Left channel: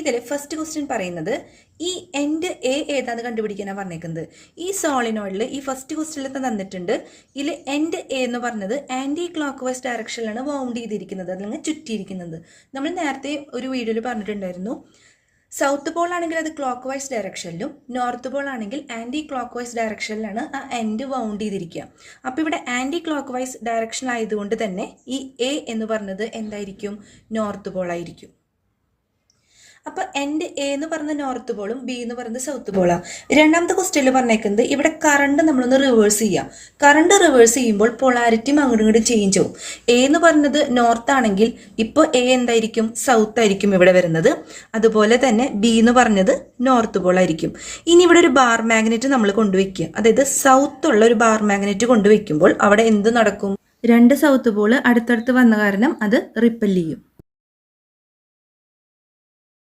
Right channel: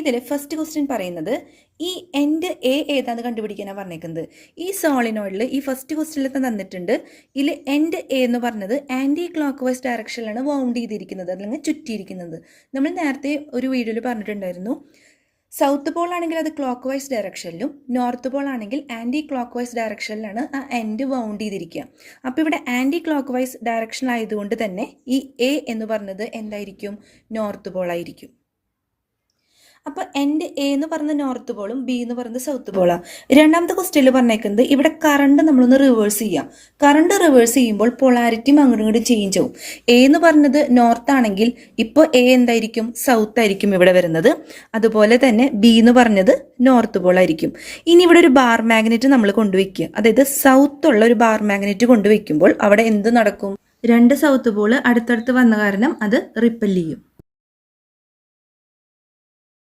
ഇതിൽ first question പറയുന്നത് ഈ എൻഡ് എ ഏതാണെന്ന് കണ്ടുപിടിക്കാനാണ് പറഞ്ഞേക്കുന്നത്. ഈ സോളിനോയിഡിൽ ഈ ഫസ്റ്റ് ക്വസ്റ്റ്യനിലൊക്കെ തന്നിട്ടുണ്ട്. ഇതിൽ എൻഡ് എ എന്ന് പറഞ്ഞത് ആൻറ്റി ക്ലോക്ക് വൈസ് ഡയറക്ഷനിലാണ് വൗണ്ട് ചെയ്തിരിക്കുന്നത്, അല്ലെങ്കിൽ ചുറ്റിയിരിക്കുന്നത്. നമ്മൾ നേരത്തെ ഒരു വീഡിയോയിൽ പറഞ്ഞിട്ടുണ്ടായിരുന്നു, സൗത്ത് പോൾ ആണെങ്കിൽ അത് ക്ലോക്ക് വൈസ് ഡയറക്ഷനിലും നോർത്ത് പോൾ ആണെങ്കിൽ ആൻറ്റി ക്ലോക്ക് വൈസ് ഡയറക്ഷനിലാണ് ആ എൻഡ് വൗണ്ട് ചെയ്തിരിക്കുക. അപ്പോൾ ഇവിടെ ആൻറ്റി ക്ലോക്ക് വൈസ് ഡയറക്ഷൻ ആയതുകൊണ്ട് തന്നെ ഈ എ എന്ന് പറഞ്ഞത് എന്തായിരിക്കും? നോർത്ത് പോൾ ആയിരിക്കും. അപ്പോൾ എൻഡ് എ എന്ന് പറയുന്നത് നോർത്ത് പോളും ബി എന്ന് പറയുന്നത് സൗത്ത് പോളാണ്. രണ്ടാമത്തെ ക്വസ്റ്റ്യനിൽ പറഞ്ഞേക്കുന്നത് ഇവിടെ കറണ്ട് നമ്മളൊന്ന് റിവേഴ്സ് ചെയ്യാം. കറണ്ട് റിവേഴ്സ് ചെയ്യുമ്പോൾ പൊളാരിറ്റിയും അങ്ങോട്ടും ഇങ്ങോട്ടും ചേഞ്ച് ആവും. എ എന്ന് പറഞ്ഞത് നോർത്ത് ആണെങ്കിൽ ഇപ്പോൾ എ എന്തായിരിക്കും? സൗത്ത് ആയിരിക്കും ഇവിടെ വരുന്നത്. അതുപോലെ തന്നെ ബി എന്ന് പറഞ്ഞത് നോർത്ത് പോൾ ആയിരിക്കും. ഇനി ഇവിടെ ഒരു ബാർ മാഗ്നറ്റ് നമ്മൾ കൊണ്ടുവയ്ക്കുക, അതായത് സൗത്ത് ഉള്ള ഒരു ബാർ മാഗ്നറ്റ് കൊണ്ടുവയ്ക്കുമ്പോൾ അവിടെ എന്ത് നടക്കും? രണ്ട് സൗത്ത് പോൾ അടുത്തടുത്ത് വന്ന കാരണം അത് റിപ്പൽ ചെയ്യും.